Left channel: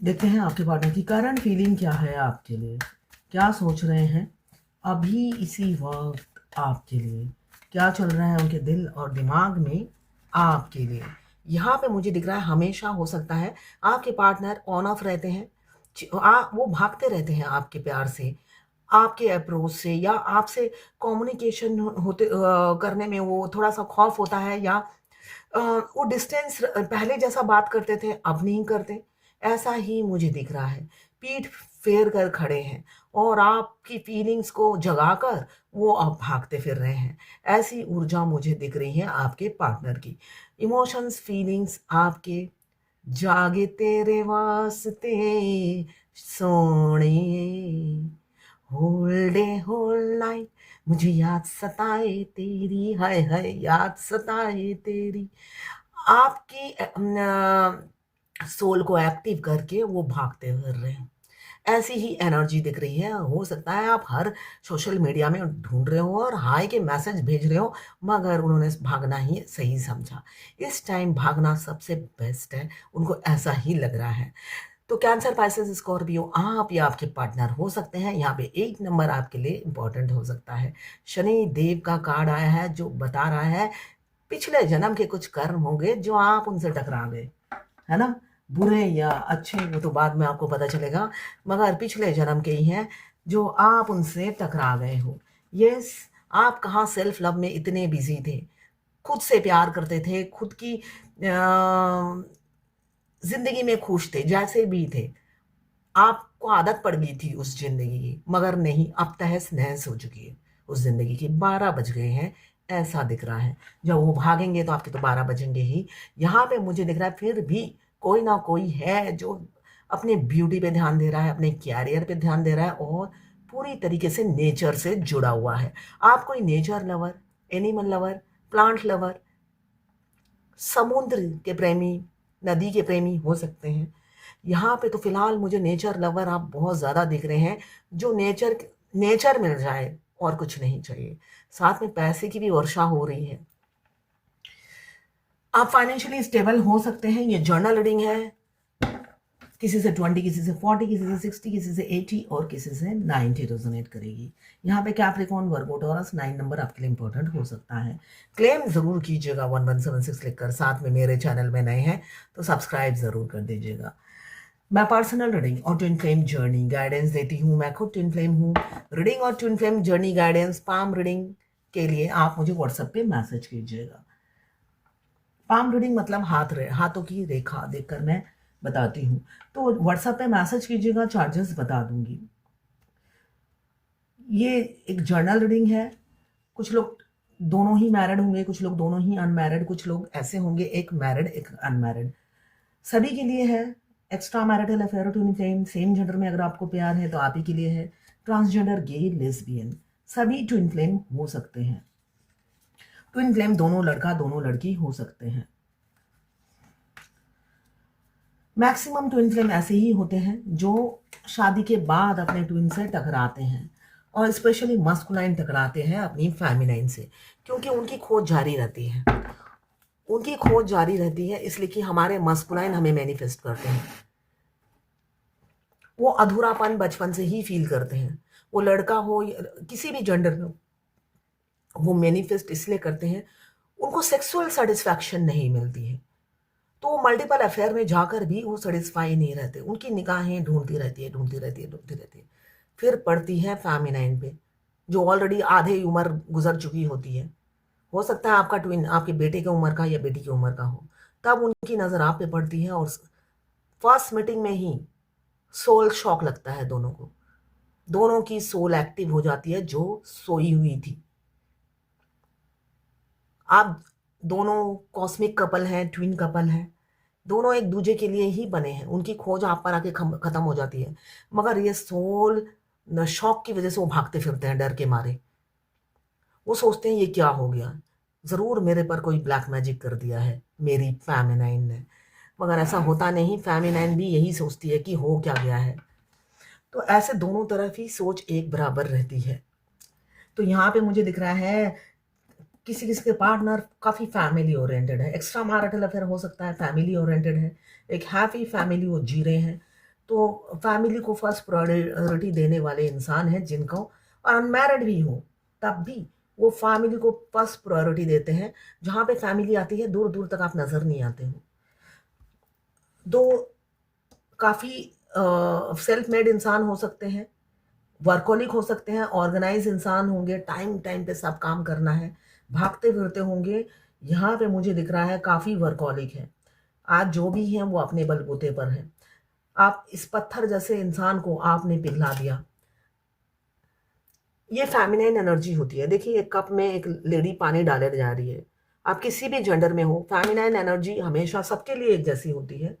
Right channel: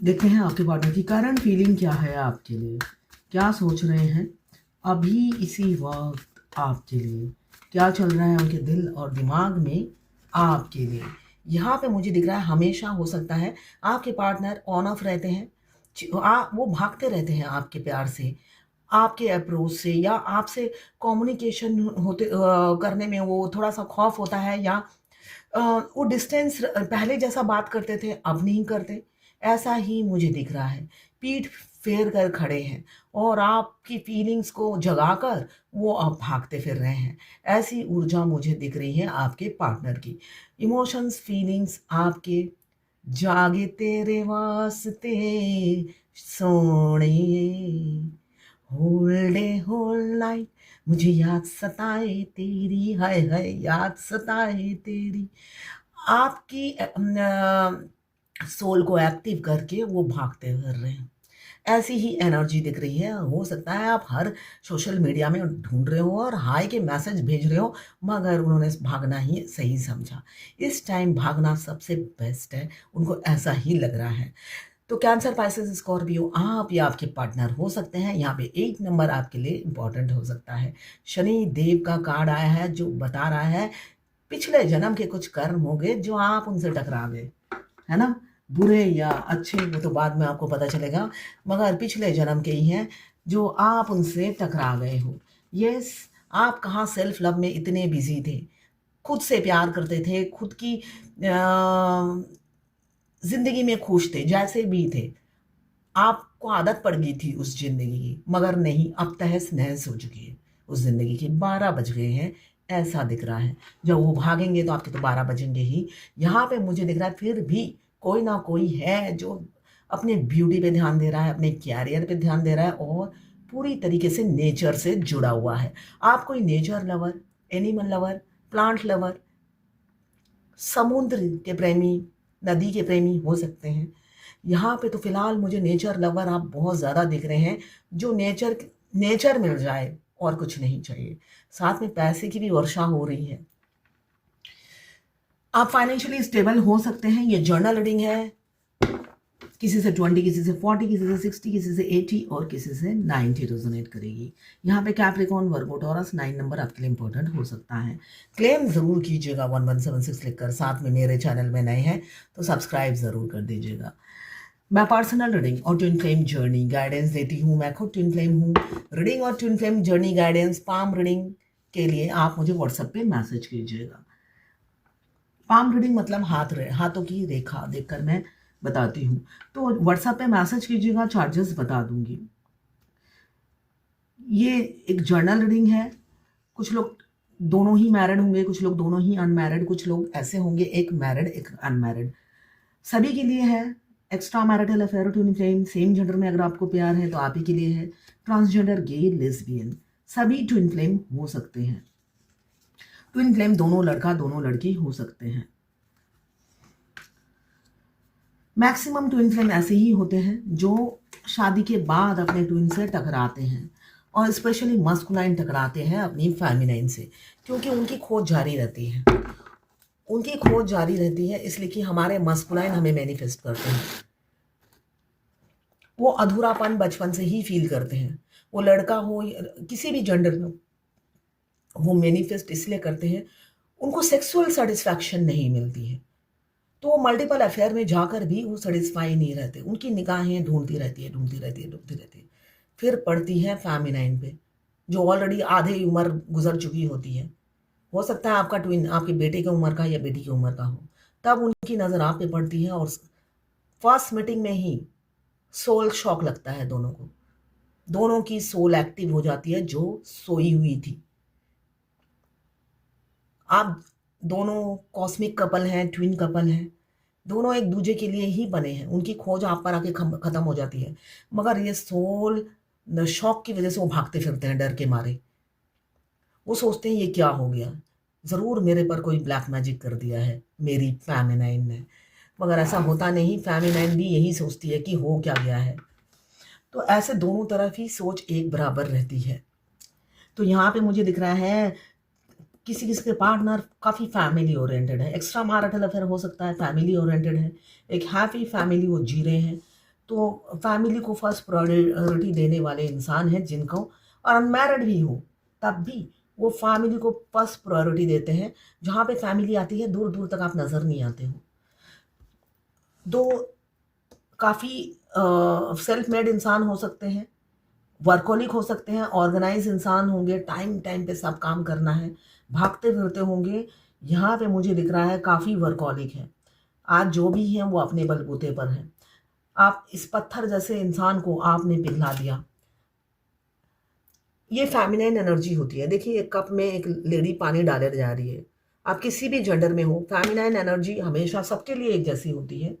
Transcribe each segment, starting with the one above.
देखते हैं आपके पार्टनर की करंट फीलिंग क्या है आपके लिए, क्या सोच रहे हैं अभी इसी वक्त आपके लिए, क्या चल रहा है उनके दिल और दिमाग में आपके लिए। यहाँ पे मुझे दिख रहा है हमेशा हो सकता है आपके पार्टनर ऑन ऑफ रहते हैं, वो भागते रहते हैं आपके प्यार से, आपके अप्रोच से, या आपसे कम्युनिकेशन होते करने में वो थोड़ा सा खौफ होता है, या वो डिस्टेंस पहले जैसा बात करते थे अब नहीं करते, ऐसा ही मुझे दिख रहा है। पीठ फेर कर खड़े हैं और आपकी फीलिंग्स को जगाकर वो अब भागते फिर रहे हैं। ऐसी ऊर्जा मुझे दिख रही है आपके पार्टनर की। इमोशंस फीलिंग्स आपके जागे तेरे वास्ते सोने, होल डे होल नाइट मुझे याद सताए तेरी, हाय हाय याद सताए तेरी। आपकी सोल को एक्टिव करके वो भागते फिर रहे हैं। ऐसी ही एनर्जी दिख रही है। हो सकता है आप हर सोशल मीडिया में ढूंढ रहे हो और हाय के मैसेज भेज रहे हो, मगर उन्होंने भागना ही सही समझा। इस टाइम भागना सबसे बेस्ट है, उनको ऐसा ही लग रहा है। तो कैंसर, पाइसेस, स्कॉर्पियो, आप या आपके पार्टनर हो सकते हैं। यहाँ पे एक नंबर आपके लिए इंपॉर्टेंट हो सकता है। शनि देव का कार्ड आया है जो बता रहा है पिछले जन्म के कुछ कर्म होंगे जो आप उनसे टकरा गए, है ना। बुरे या अच्छे वो तो बाद में आपको पता चलेगा, मगर पिछले जन्म के ही हैं जो आप उनसे टकरा गए हो। यस, आप कहाँ सेल्फ लव में इतने बिजी थे, खुद से प्यार करते थे, खुद की जिंदगी में खुश थे जैसे भी थे, आपको आदत पड़ गई थी उस ज़िंदगी की, मगर नहीं, अब तहस-नहस हो चुकी है उस ज़िंदगी की। 12 बज गए हैं, ऐसा दिख रहा है। जब वो भागेंगे तो आपके तो 12 बजेंगे ही। यहाँ पे मुझे दिख रहा है फिर भी कोई ना कोई है जो अपने ब्यूटी पे ध्यान दे रहा है, अपने करियर पे ध्यान दे रहा है और पूरी तरीके से नेचर से जुड़ा हुआ है। आप कोई nature lover, animal lover, plant lover, समुद्र के प्रेमी, नदी के प्रेमी हो सकते हैं। यहाँ पे तो फ़िलहाल मुझे नेचर लवर आप बहुत ज़्यादा दिख रहे हैं, जो नेचर नेचर मिल जाए और कुछ नहीं चाहिए। साथ में पैसे की भी वर्षा हो रही है। आप फाइनेंशियली स्टेबल हो सकते हैं। ये जर्नल रीडिंग है। किसी से 20, किसी से 40, किसी से 60, किसी से 80 और किसी से 90 रेजोनेट करेगी। यहाँ पे कैप्रिकॉर्न, वर्गो, टॉरस 9 नंबर आपके लिए इंपॉर्टेंट हो सकता है। क्लेम ज़रूर कीजिएगा 1176 लिखकर। साथ में मेरे चैनल में नए हैं तो सब्सक्राइब ज़रूर कर दीजिएगा। मैं पर्सनल रीडिंग और ट्विन फ्लेम जर्नी गाइडेंस देती हूँ। मैं खुद ट्विन फ्लेम हूँ। रीडिंग और twin flame journey guidance, palm reading के लिए आप मुझे व्हाट्सएप पे मैसेज कीजिएगा। पाम रीडिंग मतलब हाथों की रेखा देखकर मैं बताती हूँ। तो व्हाट्सएप पे मैसेज कीजिएगा, चार्जेस बता दूंगी। ये एक जर्नल रीडिंग है। कुछ लोग दोनों ही मैरिड होंगे, कुछ लोग दोनों ही अनमैरिड, कुछ लोग ऐसे होंगे एक मैरिड एक अनमैरिड, सभी के लिए है। Extra marital affair, twin flame, same gender में अगर आपको प्यार है तो आप ही के लिए है। ट्रांसजेंडर, गे, लेस्बियन, सभी ट्विन फ्लेम हो सकते हैं। ट्विन फ्लेम दोनों लड़का दोनों लड़की हो सकते हैं। मैक्सिमम ट्विन फ्लेम ऐसे ही होते हैं जो शादी के बाद अपने ट्विन से टकराते हैं, और स्पेशली मस्कुलाइन टकराते हैं अपनी फेमिनाइन से, क्योंकि उनकी खोज जारी रहती है। उनकी खोज जारी रहती है इसलिए कि हमारे मस्कुलाइन हमें मैनिफेस्ट करते हैं। वो अधूरापन बचपन से ही फील करते हैं। वो लड़का हो या किसी भी जेंडर में, वो मैनिफेस्ट इसलिए करते हैं, उनको सेक्सुअल सेटिस्फैक्शन नहीं मिलती है, तो वो मल्टीपल अफेयर में जाकर भी वो सेटिस्फाई नहीं रहते। उनकी निगाहें ढूंढती रहती है, ढूंढती रहती है, ढूंढती रहती है। फिर पड़ती है फेमिनाइन पे, जो ऑलरेडी आधे उम्र गुजर चुकी होती है। हो सकता है आपका ट्विन आपके बेटे की उम्र का या बेटी की उम्र का हो, तब उनकी नज़र आप पे पड़ती है और फर्स्ट मीटिंग में ही सोल शॉक लगता है दोनों को। दोनों की सोल एक्टिव हो जाती है जो सोई हुई थी। आप दोनों कॉस्मिक कपल हैं, ट्विन कपल हैं, दोनों एक दूसरे के लिए ही बने हैं। उनकी खोज आप पर आके खत्म हो जाती है, मगर ये सोल शॉक की वजह से वो भागते फिरते हैं डर के मारे। वो सोचते हैं ये क्या हो गया, ज़रूर मेरे पर कोई ब्लैक मैजिक कर दिया है मेरी फेमिनाइन ने, मगर ऐसा होता नहीं। फेमिनाइन भी यही सोचती है कि हो क्या गया है। तो ऐसे दोनों तरफ ही सोच एक बराबर रहती है। तो यहाँ पे मुझे दिख रहा है किसी किसी के पार्टनर काफ़ी फैमिली ओरिएंटेड है। एक्स्ट्रा मैरिटल अफेयर हो सकता है, फैमिली ओरिएंटेड है, एक हैप्पी फैमिली वो जी रहे हैं। तो फैमिली को फर्स्ट प्रायोरिटी देने वाले इंसान हैं जिनको, और अनमैरिड भी हो तब भी वो फैमिली को फर्स्ट प्रायोरिटी देते हैं। जहाँ पे फैमिली आती है दूर दूर तक आप नज़र नहीं आते हो। दो काफ़ी सेल्फ मेड इंसान हो सकते हैं, वर्कोलिक हो सकते हैं, ऑर्गेनाइज इंसान होंगे, टाइम टाइम पे सब काम करना है, भागते फिरते होंगे। यहाँ पे मुझे दिख रहा है काफ़ी वर्कोलिक है। आज जो भी हैं वो अपने बलबूते पर हैं। आप इस पत्थर जैसे इंसान को आपने पिघला दिया। ये फेमिनाइन एनर्जी होती है। देखिए एक कप में एक लेडी पानी डाले जा रही है। आप किसी भी जेंडर में हो, फेमिनाइन एनर्जी हमेशा सबके लिए एक जैसी होती है।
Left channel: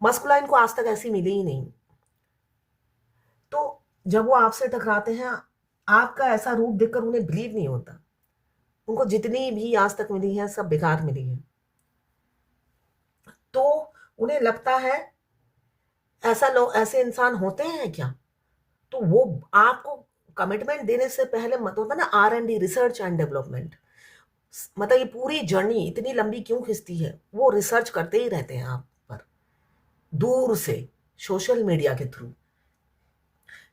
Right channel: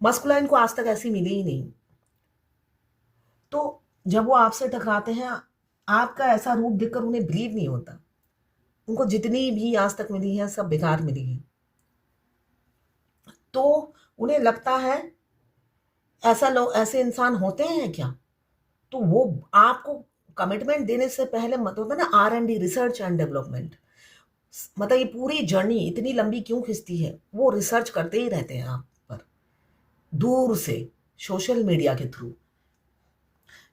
मस्कुलाइन को आज तक ऐसी मिली ही नहीं। तो जब वो आपसे टकराते हैं, आपका ऐसा रूप देखकर उन्हें बिलीव नहीं होता। उनको जितनी भी आज तक मिली है सब बेकार मिली है। तो उन्हें लगता है ऐसा लोग, ऐसे इंसान होते हैं क्या? तो वो आपको कमिटमेंट देने से पहले मत होता ना, R&D, रिसर्च एंड डेवलपमेंट, मतलब ये पूरी जर्नी इतनी लंबी क्यों खिंचती है? वो रिसर्च करते ही रहते हैं आप पर, दूर से, सोशल मीडिया के थ्रू।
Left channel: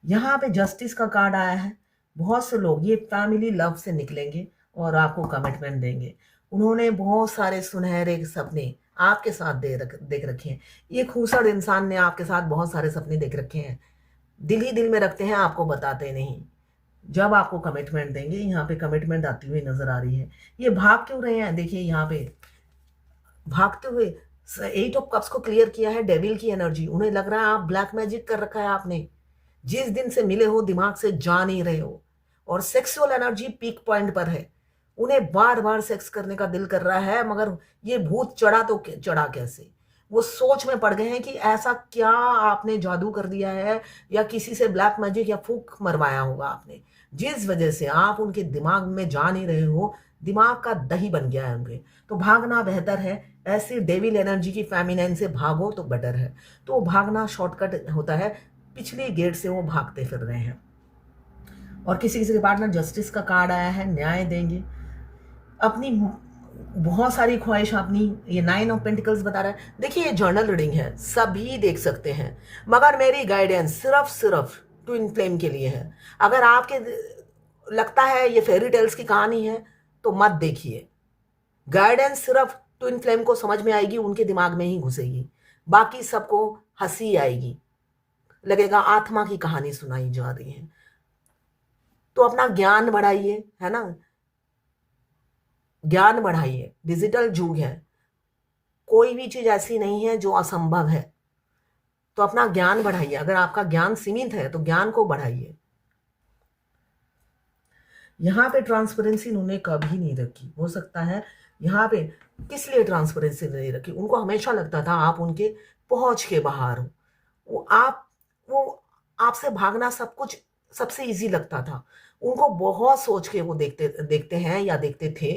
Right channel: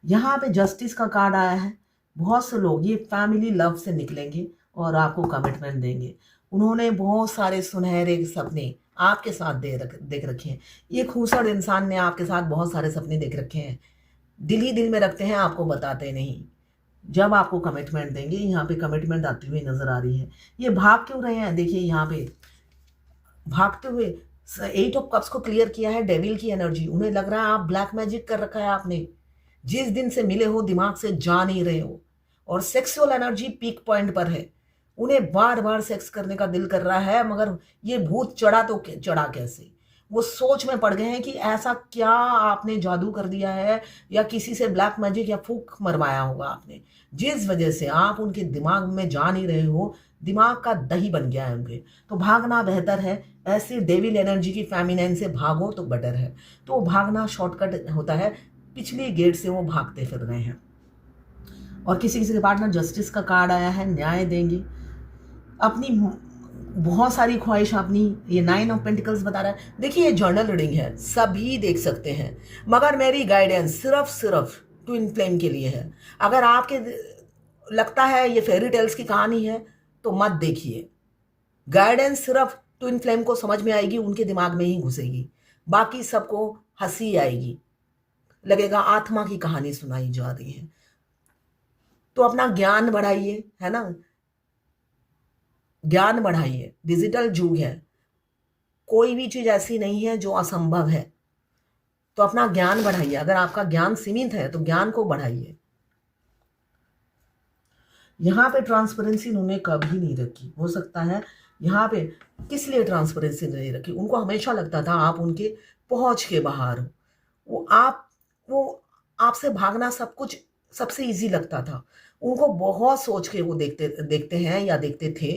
यहाँ पे जस्टिस का कार्ड आया है। बहुत से लोग ये फैमिली लव से निकलेंगे और आपको कमिटमेंट देंगे। उन्होंने बहुत सारे सुनहरे सपने आपके साथ देख रखे हैं। ये खूसड़ इंसान ने आपके साथ बहुत सारे सपने देख रखे हैं, दिल ही दिल में रखते हैं, आपको बताते नहीं। जब आपको कमिटमेंट देंगे, यहाँ पे कमिटमेंट आती हुई नजर आ रही है। ये भाग क्यों रहे हैं? देखिए यहाँ पे भागते हुए 8 ऑफ कप्स को क्लियर किया है, डेविल की एनर्जी। उन्हें लग रहा है आप ब्लैक मैजिक कर रखा है आपने। जिस दिन से मिले हो दिमाग से जा नहीं रहे हो, और सेक्सुअल एनर्जी पीक पॉइंट पर है। उन्हें बार बार सेक्स करने का दिल कर रहा है, मगर ये भूत चढ़ा तो चढ़ा कैसे? वो सोच में पड़ गए हैं कि ऐसा क्या आपने जादू कर दिया है, या किसी से ब्लैक मैजिक या फूक मरवाया होगा आपने, जिस वजह से आप उनके दिमाग में जा नहीं रहे हो। दिमाग का दही बन गया है उनके। तो भागना बेहतर है। ऐसी डेविल एनर्जी की फेमिनाइन से भागो तो बेटर है। तो भागना शॉर्टकट होता है। पिछली गेट से वो भागते फिर रहे हैं। और किसी किसी के पास ना जस्टिस का कार्ड आया है, न्याय देंगे। अपनी बहुत सारी ख्वाहिश अपनी, ये 9 ऑफ पेंटिकल्स बता रहा है। देखिए ये जर्नल रीडिंग है, सभी देख सकते हैं, मगर मेरी गाइडेंस सिर्फ ट्विन फ्लेम के लिए है। अगर आपके लगता है ये फेरी टेल्स की कहानी है तो मत देखिए। गाइडेंस सिर्फ ट्विन फ्लेम को समझ में आएगी, उनके दिमाग में ही घुसेगी। बाकी सबको हंसी आएगी, लगेगा आत्मा की कहानी सुनाई जा रही है। तो अपना ज्ञान बढ़ाइए, है ना, ज्ञान बढ़ाइए। डिजिटल युग है, कोई भी चीज ऐसी नहीं है जो असंभव है। तो अपना ज्ञान बढ़ाइए। अगर आपका ज्ञान सीमित है तो ज्ञान को बढ़ाइए। यहाँ पे ट्रांसपेरेंसी उन्होंने कभी नहीं रखी। हो सकता है यहाँ पे किस लिए ट्रांसपेरेंसी नहीं रखी, उनको हमेशा लगता था आप उनके पहुंच के बाहर हो। वो आपसे भागना सब कुछ सबसे इजी लगता था। उनको बहुत सोच के वो देखते देखते हैं या देखते थे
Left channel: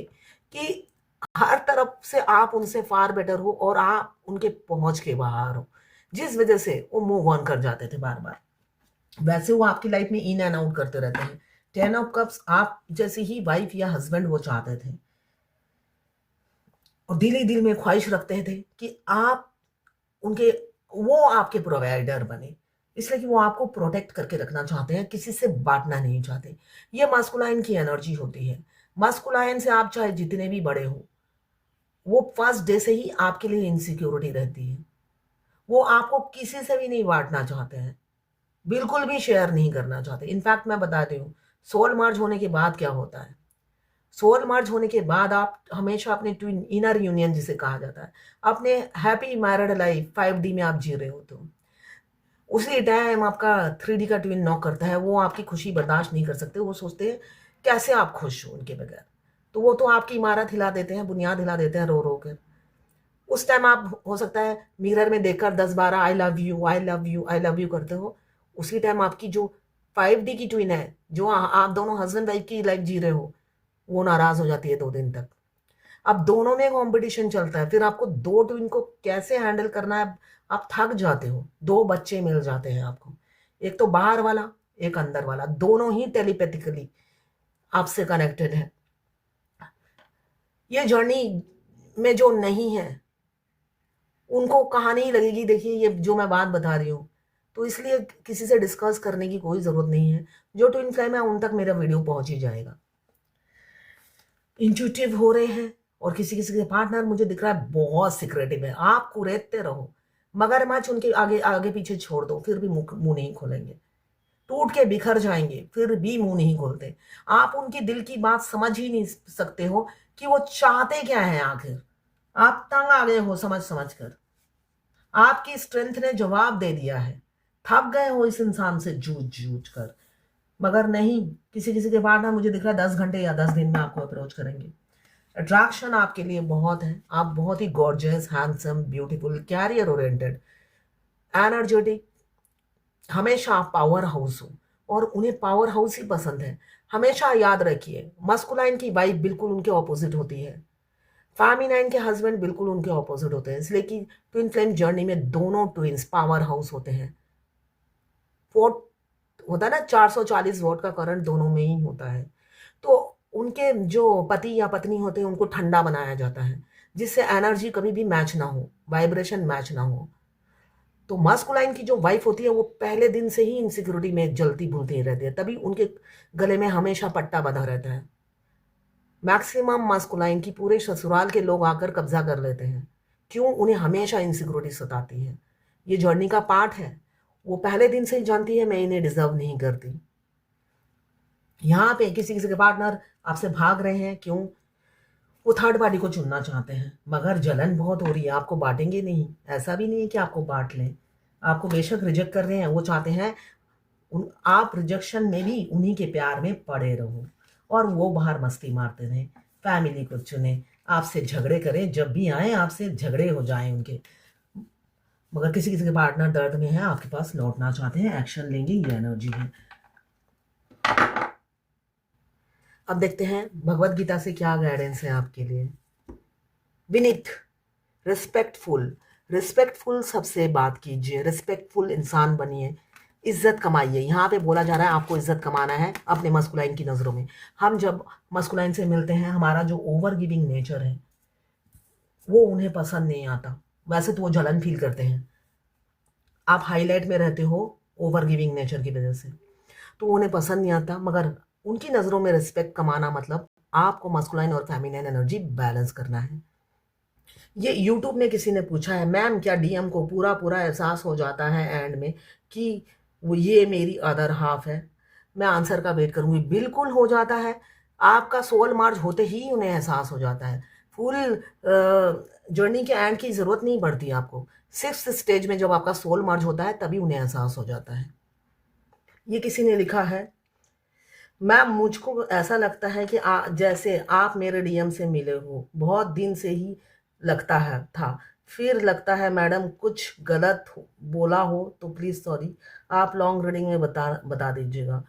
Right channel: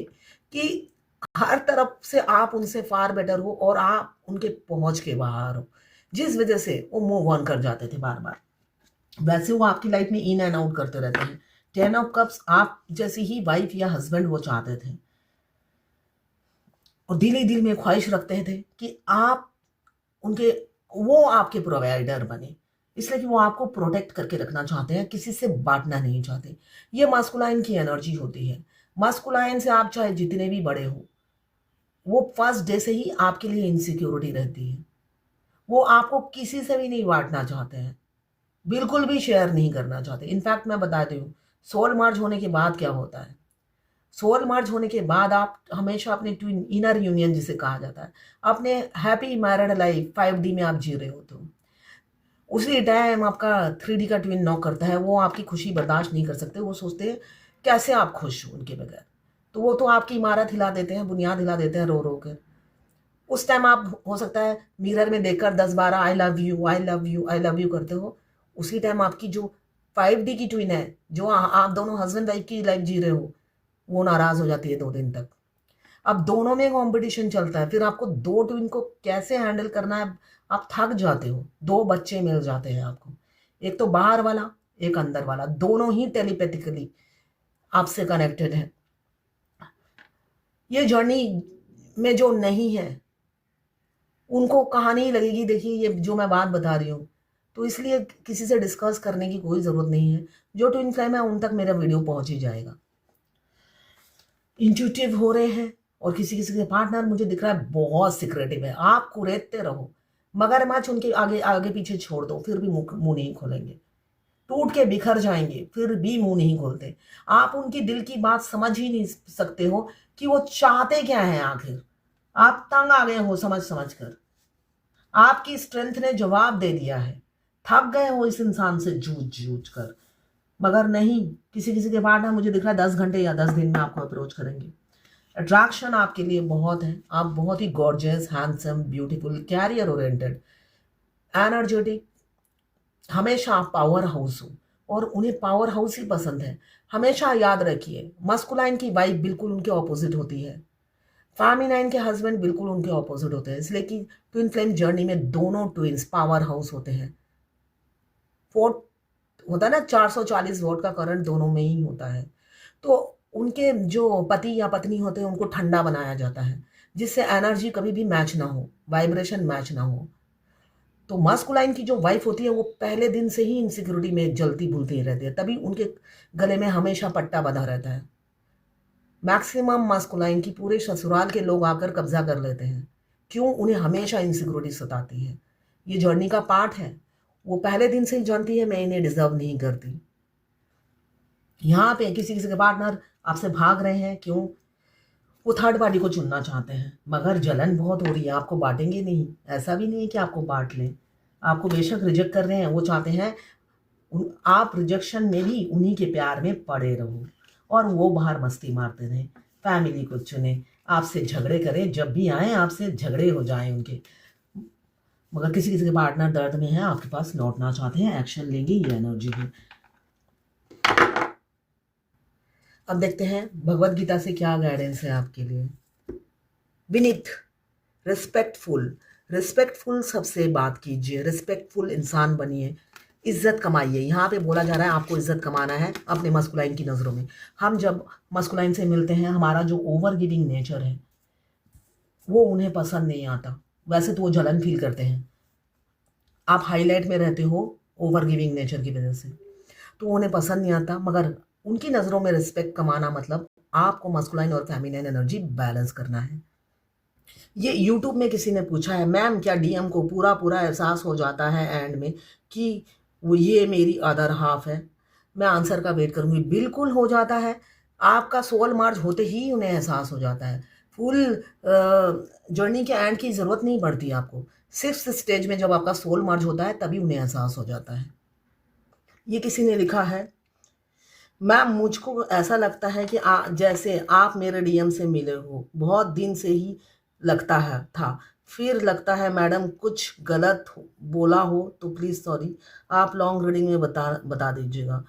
कि हर तरफ से आप उनसे फार बेटर हो और आप उनके पहुंच के बाहर हो, जिस वजह से वो मूव ऑन कर जाते थे बार बार। वैसे वो आपकी लाइफ में इन एंड आउट करते रहते हैं। 10 ऑफ कप्स आप जैसी ही वाइफ या हस्बैंड वो चाहते थे, और दिल ही दिल में ख्वाहिश रखते थे कि आप उनके, वो आपके प्रोवाइडर बने, इसलिए कि वो आपको प्रोटेक्ट करके रखना चाहते हैं, किसी से बांटना नहीं चाहते। ये मास्कुलाइन की एनर्जी होती है। मास्कुलाइन से आप चाहे जितने भी बड़े हो, वो फर्स्ट डे से ही आपके लिए इनसिक्योरिटी रहती है। वो आपको किसी से भी नहीं बांटना चाहते हैं, बिल्कुल भी शेयर नहीं करना चाहते। इनफैक्ट मैं बताती हूँ, सोल मर्ज होने के बाद क्या होता है। सोल मर्ज होने के बाद आप हमेशा अपने ट्विन इनर यूनियन जिसे कहा जाता है, अपने हैप्पी मैरिड लाइफ 5D में आप जी रहे होते हो। उसी टाइम आपका 3D का ट्विन नॉक करता है। वो आपकी खुशी बर्दाश्त नहीं कर सकते। वो सोचते हैं कैसे आप खुश हो उनके बगैर। तो वो तो आपकी इमारत हिला देते हैं, बुनियाद हिला देते हैं रो रो कर। उस टाइम आप हो सकता है मिरर में देखकर 10-12 I love you, I love you, I love you करते हो। उसी टाइम आपकी जो 5D की ट्विन है, जो आप दोनों हस्बैंड वाइफ की लाइफ जी रहे हो, वो नाराज हो जाती है 2 दिन तक। अब दोनों में कंपटीशन चलता है, फिर आपको 2 ट्विन को कैसे हैंडल करना है, आप थक जाते हो। 2 बच्चे मिल जाते हैं आपको, एक तो बाहर वाला, एक अंदर वाला, दोनों ही टेलीपैथिकली आपसे कनेक्टेड है। ये जर्नी में जो नहीं है उनको कहानी लगेगी। देखिए ये जो मैं बात बता रही हूँ, तो इसलिए किसी से डिस्कस करने की कोई ज़रूरत नहीं है। जो ट्विन फ्लेम है उन तक मेरा वीडियो पहुंच ही जाएगा। इंट्यूटिव हो रहे हैं और किसी किसी के पार्टनर मुझे दिख रहा है बहुत सिक्रेटिव है। आप कुरेदते रहो, मगरमच्छ उनके आगे आगे पीछे छोड़ दो, फिर भी मुंह नहीं खोलेंगे। टूट के बिखर जाएंगे, फिर भी मुंह नहीं खोलते। आप उनकी दिल की बात समझ ही नहीं सकते हो कि वो चाहते क्या है आखिर। आप तंग आ गए हो समझ समझ कर। आपकी स्ट्रेंथ ने जवाब दे दिया है। थक गए हो इस इंसान से जूझ जूझ कर। मगर नहीं, किसी किसी के पार्टनर मुझे दिख रहा है 10 घंटे या 10 दिन में आपको अप्रोच करेंगे। अट्रैक्शन आपके लिए बहुत है। आप बहुत ही gorgeous, handsome, beautiful, career oriented, energetic, हमेशा आप पावर हाउस हो और उन्हें पावर हाउस ही पसंद है। हमेशा याद रखिए, मस्कुलाइन की वाइफ बिल्कुल उनके ऑपोजिट होती है, फेमिनाइन के हस्बैंड बिल्कुल उनके ऑपोजिट होते हैं। इसलिए कि ट्विन फ्लेम जर्नी में दोनों ट्विंस पावर हाउस होते हैं। फोर्थ होता है ना, 440 वोल्ट का करंट दोनों में ही होता है। तो उनके जो पति या पत्नी होते हैं उनको ठंडा बनाया जाता है, जिससे एनर्जी कभी भी मैच ना हो, वाइब्रेशन मैच ना हो। तो मस्कुलाइन की जो वाइफ होती है वो पहले दिन से ही इनसिक्योरिटी में जलती भूलती रहती है, तभी उनके गले में हमेशा पट्टा बंधा रहता है। मैक्सिमम मस्कुलाइन की पूरे ससुराल के लोग आकर कब्जा कर लेते हैं। क्यों? उन्हें हमेशा इनसिक्योरिटी सताती है। ये जर्नी का पार्ट है। वो पहले दिन से ही जानती है मैं इन्हें डिजर्व नहीं करती। यहाँ पे किसी किसी के पार्टनर आपसे भाग रहे हैं। क्यों? वो थर्ड पार्टी को चुनना चाहते हैं, मगर जलन बहुत हो रही है। आपको बांटेंगे नहीं, ऐसा भी नहीं है कि आपको बांट लें। आपको बेशक रिजेक्ट कर रहे हैं, वो चाहते हैं आप रिजेक्शन में भी उन्हीं के प्यार में पड़े रहो और वो बाहर मस्ती मारते रहें। फैमिली को चुने, आपसे झगड़े करें, जब भी आए आपसे झगड़े हो जाएं उनके। मगर किसी किसी के पार्टनर दर्द में है, आपके पास लौटना चाहते हैं, एक्शन लेंगे, ये एनर्जी है। अब देखते हैं भगवत गीता से क्या गाइडेंस है आपके लिए। विनीत, रिस्पेक्टफुल, रिस्पेक्टफुल सबसे बात कीजिए, रिस्पेक्टफुल इंसान बनिए, इज्जत कमाइए। यहाँ पे बोला जा रहा है आपको इज्जत कमाना है अपने मस्कुलाइन की नज़रों में। हम जब मस्कुलाइन से मिलते हैं, हमारा जो ओवर गिविंग नेचर है वो उन्हें पसंद नहीं आता। वैसे तो वो जलन फील करते हैं। आप हाईलाइट में रहते हो ओवर गिविंग नेचर की वजह से, तो उन्हें पसंद नहीं आता। मगर उनकी नज़रों में रिस्पेक्ट कमाना मतलब आपको मस्कुलाइन और फेमिनाइन एनर्जी बैलेंस करना है। ये यूट्यूब में किसी ने पूछा है, मैम क्या डीएम को पूरा पूरा एहसास हो जाता है एंड में कि वो ये मेरी अदर हाफ है? मैं आंसर का वेट करूंगी। बिल्कुल हो जाता है। आपका सोल मार्ज होते ही उन्हें एहसास हो जाता है। फुल जर्नी के एंड की ज़रूरत नहीं पड़ती आपको। 6th स्टेज में जब आपका सोल मार्ज होता है तभी उन्हें एहसास हो जाता है। ये किसी ने लिखा है, मैम मुझको ऐसा लगता है कि जैसे आप मेरे डीएम से मिले हो, बहुत दिन से ही लगता है था। फिर लगता है मैडम कुछ गलत बोला हो तो प्लीज़ सॉरी, आप लॉन्ग रीडिंग में बता दीजिएगा।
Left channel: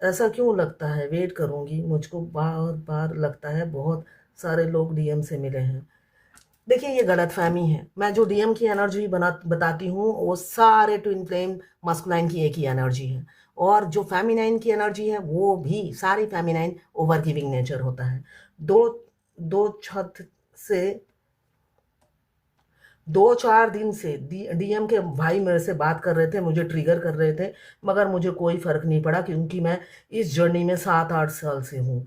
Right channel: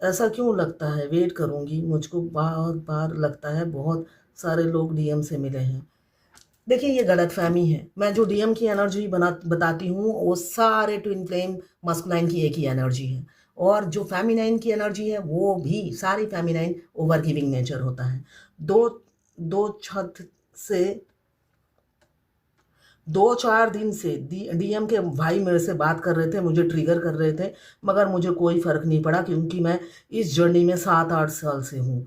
ऐसा क्यों लगता है? वेट करूँगी। मुझको बार बार लगता है बहुत सारे लोग डीएम से मिले हैं। देखिए ये गलतफहमी है। मैं जो डीएम की एनर्जी बताती हूँ वो सारे ट्विन फ्लेम मस्कुलाइन की एक ही एनर्जी है, और जो फेमिनाइन की एनर्जी है वो भी सारी फेमिनाइन ओवर गिविंग नेचर होता है। दो छत से 2-4 दिन से डीएम के भाई मेरे से बात कर रहे थे, मुझे ट्रिगर कर रहे थे, मगर मुझे कोई फ़र्क नहीं पड़ा क्योंकि मैं इस जर्नी में 7-8 साल से हूँ।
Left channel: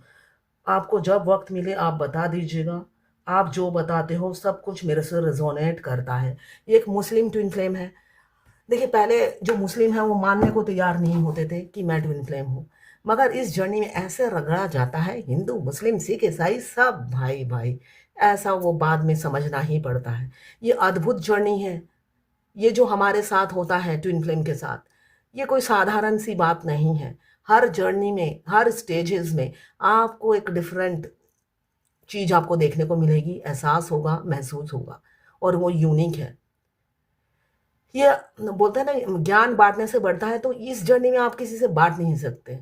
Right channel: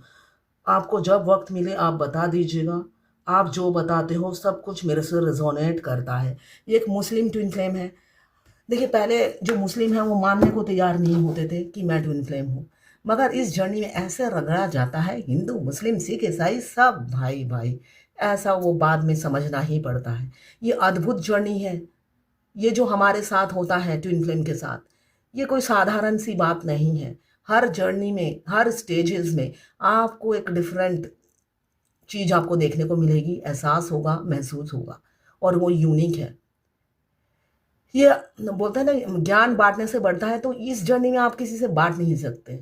आपको जब वक्त मिले आप बता दीजिएगा। आप जो बताते हो सब कुछ मेरे से रेजोनेट करता है। ये एक मुस्लिम ट्विन फ्लेम है। देखिए पहले जो मुस्लिम है वो मानने को तैयार नहीं होते थे कि मैं ट्विन फ्लेम हूँ, मगर इस जर्नी में ऐसे रगड़ा जाता है, हिंदू मुस्लिम सिख ईसाई सब भाई भाई, ऐसा वो बाद में समझना ही पड़ता है। ये अद्भुत जर्नी है। ये जो हमारे साथ होता है ट्विन फ्लेम के साथ, ये कोई साधारण सी बात नहीं है। हर जर्नी में, हर स्टेजेस में आपको एक डिफरेंट चीज़ आपको देखने को मिलेगी, एहसास होगा, महसूस होगा, और वो यूनिक है। ये बोलते हैं ना ज्ञान बांटने से बढ़ता है, तो इस जर्नी में आप किसी से बांट नहीं सकते।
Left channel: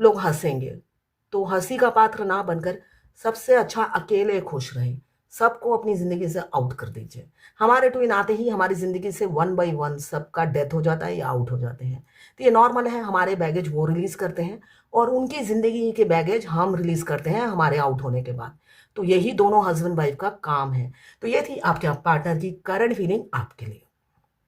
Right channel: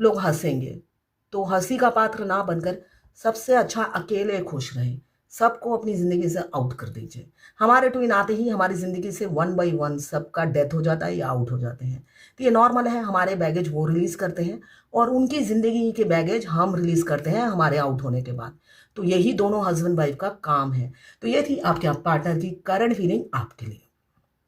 लोग हंसेंगे, तो हंसी का पात्र ना बनकर सबसे अच्छा अकेले खुश रहें। सबको अपनी ज़िंदगी से आउट कर दीजिए। हमारे ट्विन आते ही हमारी ज़िंदगी से 1 बाय 1 सबका डेथ हो जाता है या आउट हो जाते हैं। तो ये नॉर्मल है। हमारे बैगेज वो रिलीज़ करते हैं और उनकी ज़िंदगी के बैगेज हम रिलीज़ करते हैं हमारे आउट होने के बाद। तो यही दोनों हस्बैंड वाइफ का काम है। तो ये थी आपके पार्टनर की करंट फीलिंग आपके लिए।